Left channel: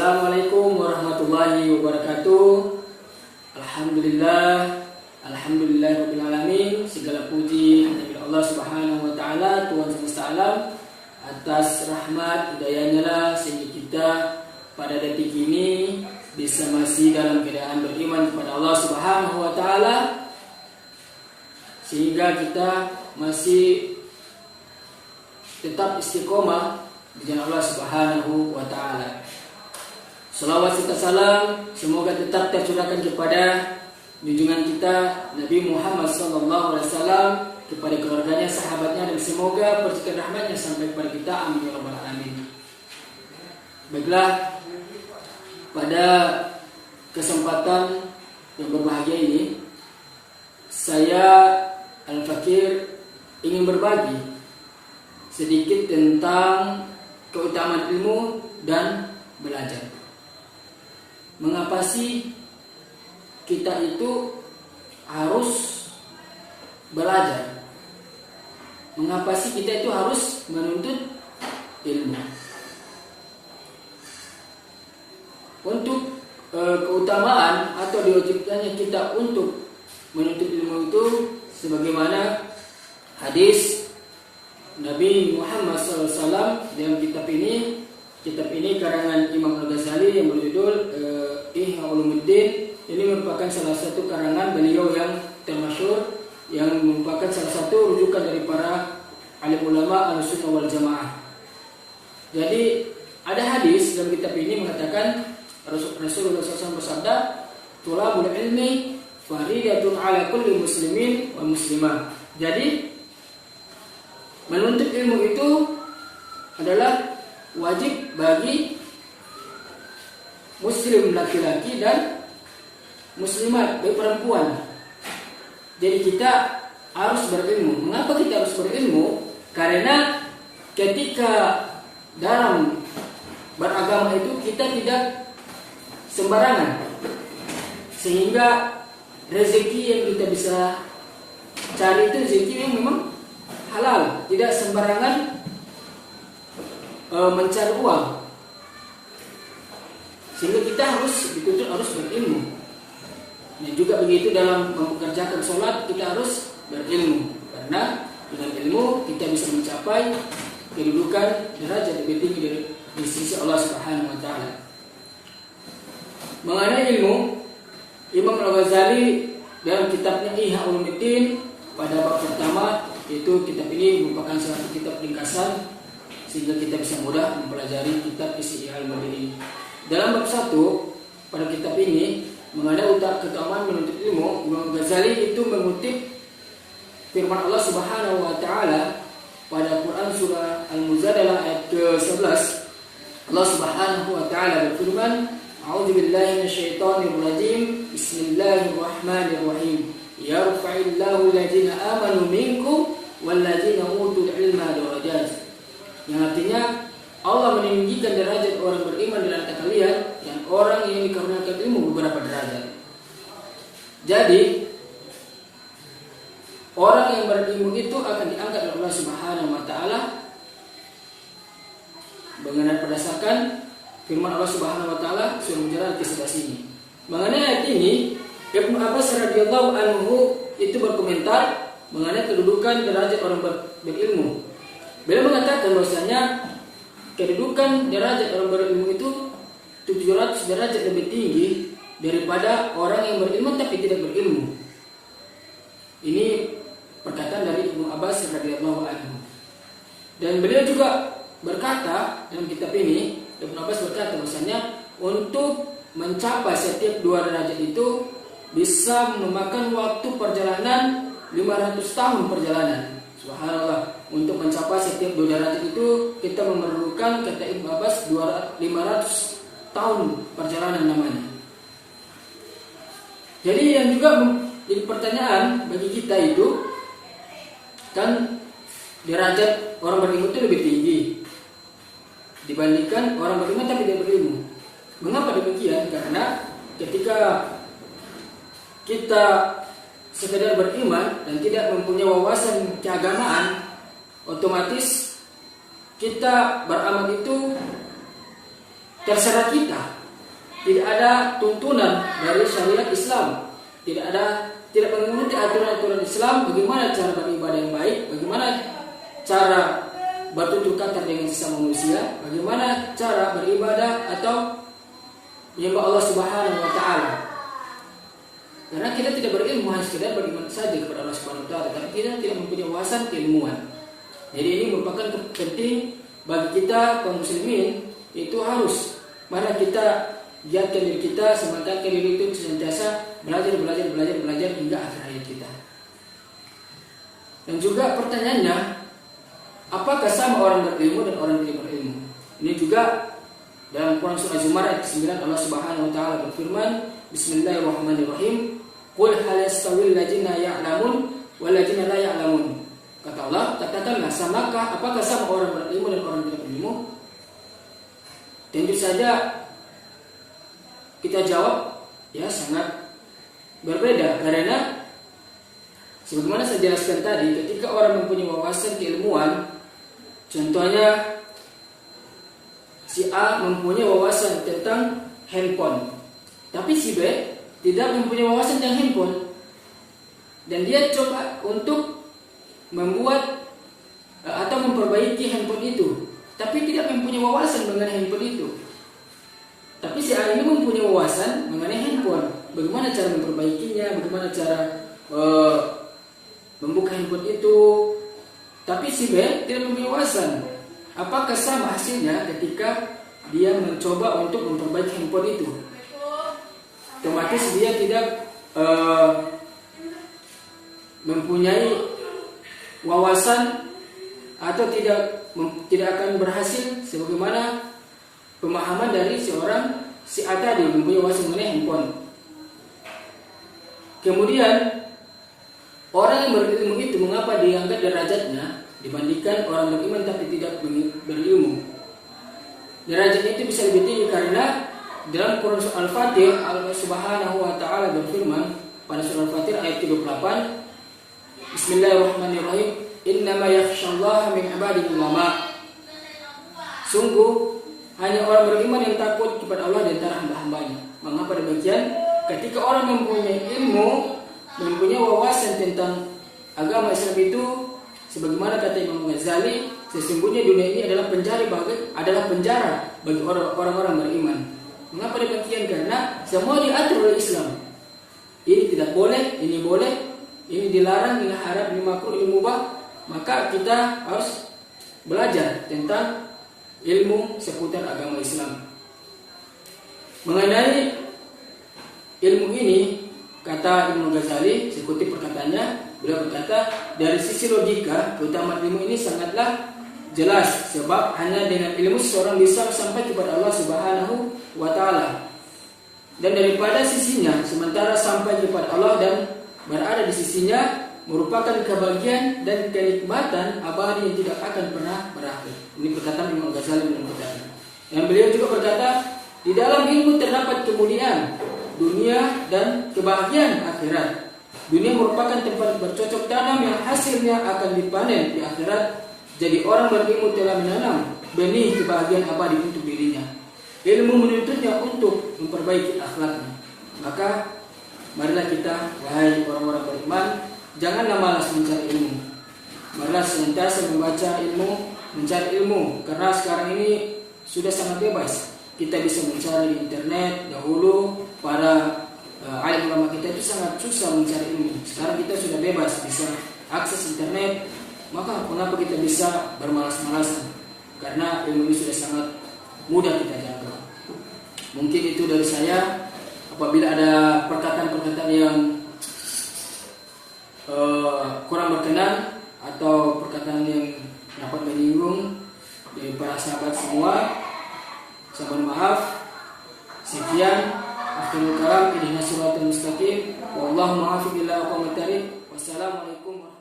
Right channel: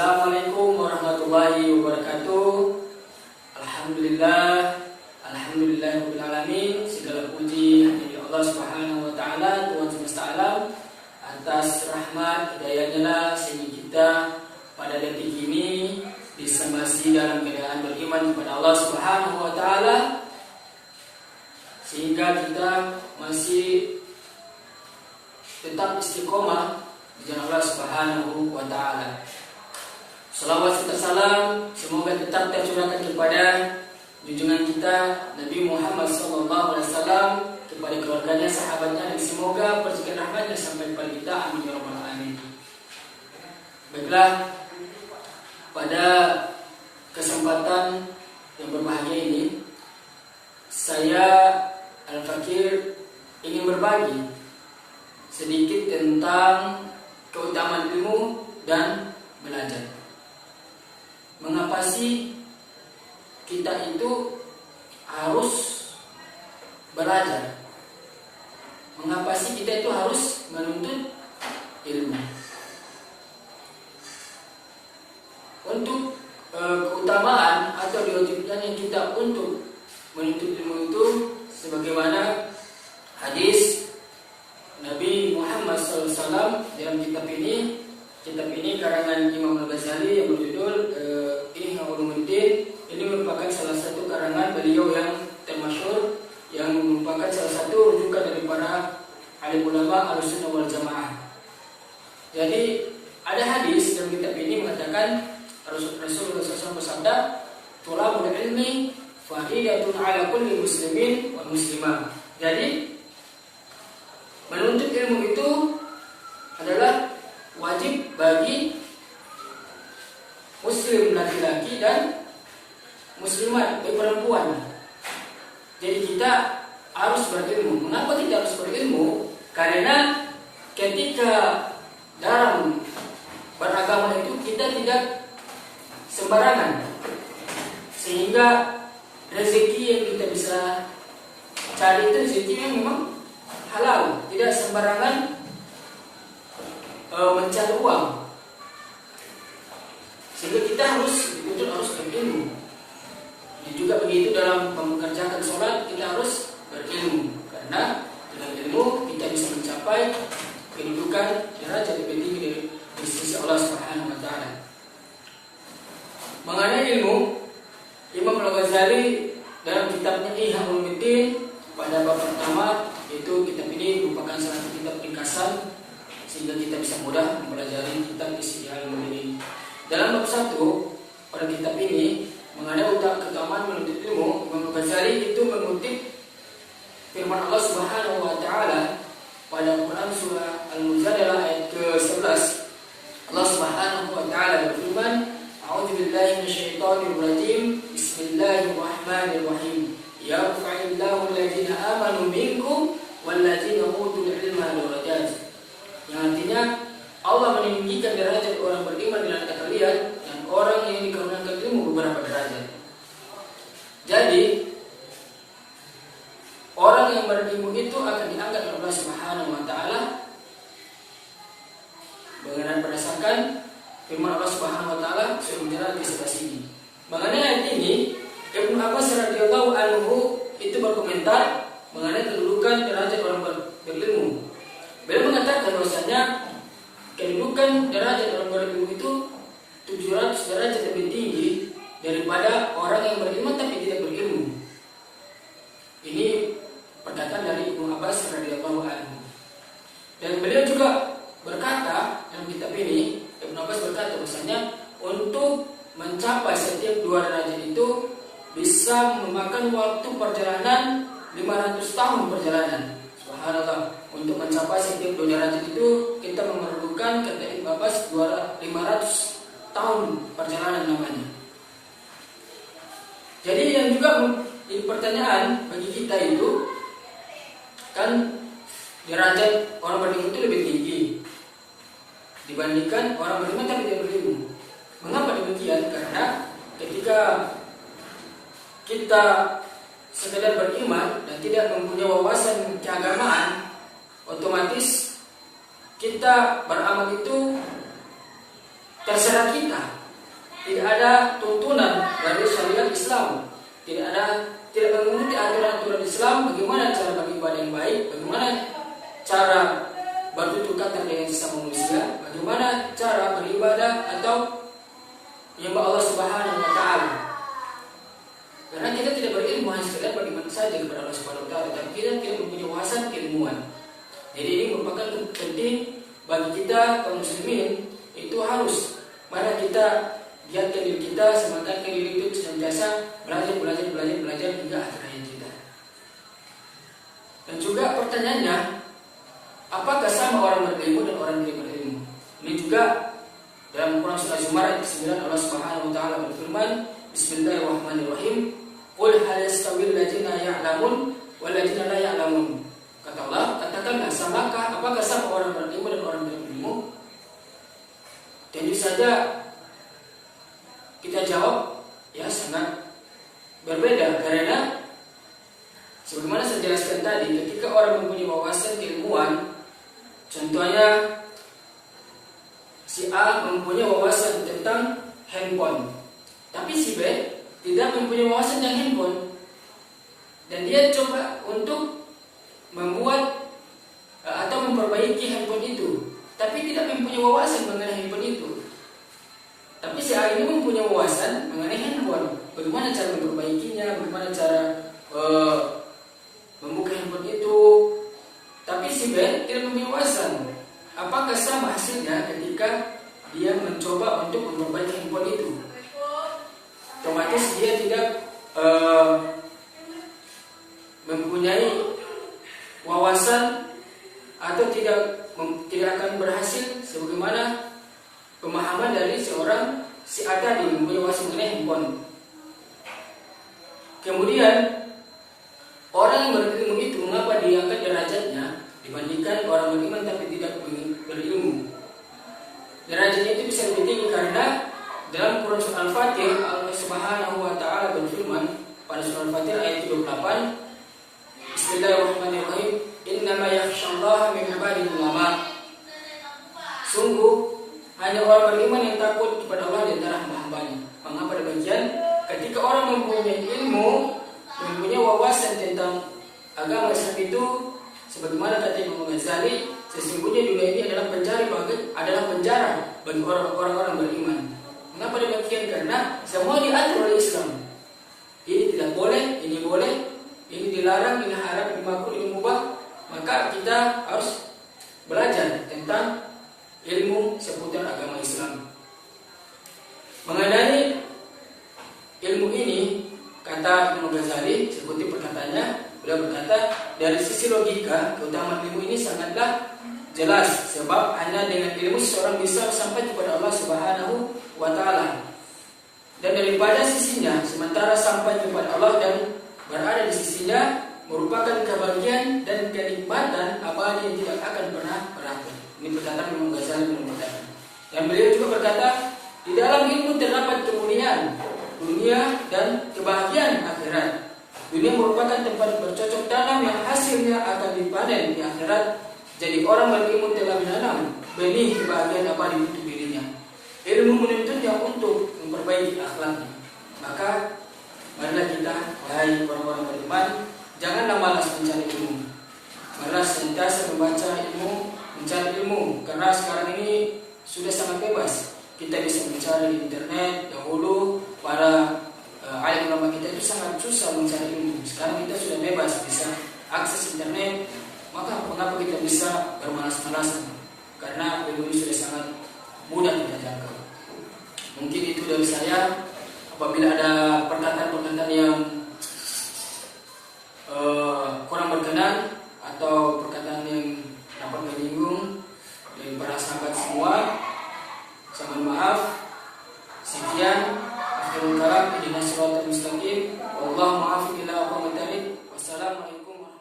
Assalamualaikum warahmatullahi wabarakatuh. Alhamdulillah rabbil alamin. Segala puji hanya milik Allah Subhanahu wa taala, Tuhan semesta alam. Atas rahmat hidayahnya lah sehingga kita pada detik ini bisa masih dalam keadaan beriman kepada Allah Subhanahu wa taala, sehingga kita masih tetap istiqomah di jalan Allah Subhanahu wa taala. Salawat serta salam semoga tetap tercurahkan kepada junjungan kita Nabi Muhammad SAW, kepada keluarganya, sahabatnya, dan semoga percikan rahmatnya sampai kepada kita. Amin ya rabbal alamin. Baiklah, pada kesempatan yang berbahagia ini saya Al-Fakir ingin berbagi sedikit tentang keutamaan ilmu dan belajar. Mengapa sih kita itu harus belajar? Mengapa sih kita itu harus menuntut ilmu? Untuk keutamaan atau diwajibkannya kita untuk menuntut ilmu itu, sebagaimana hadis Nabi Muhammad SAW dalam kitab ini karangan Imam Al-Ghazali yang berjudul Ihya Ulumuddin. Ini merupakan salah satu karangan beliau yang termasyhur, yang merupakan salah satu rujukan dari para alim ulama Ahlussunnah wal Jamaah. Jadi ada hadis dalam kitab ini mengatakan Rasulullah SAW bersabda, "Thalabul ilmi faridatun ala kulli muslimin wal muslimah." Jadi menuntut ilmu itu adalah wajib bagi muslim laki-laki dan muslimat bagi perempuan. Jadi kita harus berilmu. Mengapa kita harus berilmu? Karena ketika dalam beragama itu kita tidak sembarangan, sehingga rezeki yang kita bisa cari itu rezeki yang memang halal, tidak sembarangan mencari uang. Sehingga kita dituntut harus berilmu. Dan juga begitu dalam mengerjakan sholat kita harus berilmu, karena dengan ilmu kita bisa mencapai kedudukan derajat lebih tinggi dari sisi Allah Subhanahu wa taala. Mengenai ilmu, Imam Al-Ghazali dalam kitabnya Ihya Ulumuddin pada bab pertama, yaitu kitab ini merupakan salah satu kitab ringkasan sehingga kita bisa mudah mempelajari kitab Ihya Ulumuddin. Dalam bab 1 pada kitab ini mengenai keutamaan menuntut ilmu, Imam Al-Ghazali itu mengutip firman Allah Subhanahu wa taala pada Quran surah Al-Mujadalah ayat ke-11. Allah Subhanahu wa taala berfirman, "A'udzu billahi minasyaitonir rajim. Bismillahirrahmanirrahim. Yarfa'illahu alladziina aamanu minkum walladziina utul 'ilma darajat." Yang artinya Allah meninggikan derajat orang beriman di antara kalian dan orang yang dikaruniakan ilmu beberapa derajat. Jadi orang yang berilmu itu akan diangkat oleh Allah Subhanahu wa taala berdasarkan firman Allah Subhanahu wa taala surah Al-Mujadalah ke-11 ini. Mengenai ayat ini, Ibnu Abbas radhiyallahu anhu itu berkomentar mengenai kedudukan derajat orang berilmu. Beliau mengatakan bahwasanya kedudukan derajat orang berilmu itu 700 derajat lebih tinggi daripada orang yang berilmu tapi tidak berilmu. Ini perkataan dari Ibnu Abbas radhiyallahu anhu. Dan beliau juga berkata dalam kitab ini, Ibnu Abbas berkata bahwasanya untuk mencapai setiap 2 derajat itu bisa memakan waktu perjalanan 500 tahun perjalanan. Subhanallah. Untuk mencapai setiap 2 derajat itu kita memerlukan, kata Ibnu Abbas, 500 tahun perjalanan namanya. Jadi yang juga jadi pertanyaan bagi kita itu, kan derajat orang berilmu itu lebih tinggi dibandingkan orang berilmu tapi tidak berilmu. Mengapa demikian? Karena ketika kita sekedar beriman dan tidak mempunyai wawasan keagamaan, otomatis kita beramal itu terserah kita. Tidak ada tuntunan dari syariat Islam. Tidak mengikuti aturan-aturan Islam bagaimana cara beribadah yang baik, bagaimana cara bertutur kata dengan sesama manusia, bagaimana cara beribadah atau menyembah Allah Subhanahu wa taala. Karena kita tidak berilmu, hanya sekedar beriman saja kepada Allah Subhanahu wa taala, tapi kita tidak mempunyai wawasan keilmuan. Jadi ini merupakan penting bagi kita kaum muslimin, itu harus mana kita giatkan diri kita, semangatkan diri itu senantiasa belajar hingga akhir hayat kita. Dan juga pertanyaannya, apakah sama orang berilmu dan orang tidak berilmu? Ini juga dalam Quran surah Az-Zumar ayat 9 Allah Subhanahu wa taala berfirman, Bismillahirrahmanirrahim, Qul hal yastawil ladzina ya'lamun wal ladzina la ya'lamun. Kata Allah, katakanlah, apakah sama orang berilmu dan orang tidak berilmu? Tentu saja kita jawab, ya sangat berbeda, karena sebagaimana saya jelaskan tadi, ketika orang mempunyai wawasan keilmuan, contohnya si A mempunyai wawasan tentang handphone, tapi si B tidak mempunyai wawasan tentang handphone, dan dia coba untuk membuat atau memperbaiki handphone itu, tapi tidak mempunyai wawasan mengenai handphone itu. Tapi si A ini mempunyai wawasan mengenai handphone, bagaimana cara memperbaikinya, bagaimana cara membuka handphone itu. Tapi si B tidak mempunyai wawasan. Apakah sama hasilnya ketika dia mencoba untuk memperbaiki handphone itu? Otomatis dia tidak mempunyai wawasan atau tidak akan berhasil sebagaimana pemahaman dari si A tadi mempunyai wawasan mengenai handphone. Kemudian orang yang berilmu itu mengapa diangkat derajatnya dibandingkan orang beriman tapi tidak berilmu? Derajatnya itu bisa lebih tinggi karena dalam Quran surah Al-Fatir Allah Subhanahu wa taala berfirman pada surah Al-Fatir ayat 28, Bismillahirrahmanirrahim, Innama yakhsyallaha min ibadihi ulama. Sungguh hanya orang beriman yang takut kepada Allah di antara hamba-hambanya. Mengapa demikian? Ketika orang mempunyai ilmu, mempunyai wawasan tentang agama Islam itu, sebagaimana kata Imam Ghazali, sesungguhnya dunia ini adalah penjara bagi orang-orang beriman. Mengapa demikian? Karena semua diatur oleh Islam. Ini tidak boleh, ini boleh, ini dilarang, ini haram, ini makruh, ini mubah. Maka kita harus belajar tentang ilmu seputar agama Islam. Mengenai ilmu ini, kata Imam Ghazali, saya kutip perkataannya, beliau berkata, dari sisi logika, keutamaan ilmu ini sangatlah jelas, sebab hanya dengan ilmu seseorang bisa sampai kepada Allah Subhanahu wa taala. Dan daripada sisinya, sementara sampai kepada Allah dan berada di sisinya merupakan kebahagiaan dan kenikmatan abadi yang tidak akan pernah berakhir. Ini perkataan Imam Ghazali menurutnya. Dan beliau juga berkata, di dalam ilmu terdapat kemuliaan dunia dan kebahagiaan akhirat. Dunia merupakan tempat bercocok tanam yang hasilnya akan dipanen di akhirat. Jadi orang berilmu telah menanam benih kebahagiaan abadi untuk dirinya. Ilmu menuntutnya untuk memperbaiki akhlaknya. Maka marilah kita, wahai orang-orang beriman, janganlah malas mencari ilmu. Marilah senantiasa membaca ilmu, mencari ilmu. Karena sekarang ini sudah sangat bebas. Kita bisa mencari di internet. Dahulu para alim ulama kita itu sangat susah mencari ilmu. Sekarang kita sudah bebas, bisa akses internet. Maka mengapa kita bisa bermalas-malasan? Karena ilmu ini sudah sangat mudah kita jangkau. Mungkin itu dari saya. Apabila ada perkataan-perkataan yang kurang berkenan atau perkataan yang dapat menyinggung dari para sahabat semua, saya mohon maaf. Sekian, akhirul kalam, ihdinas siratal mustaqim, wallahu muwaffiq ila aqwamit thariq. Wassalamualaikum warahmatullahi wabarakatuh.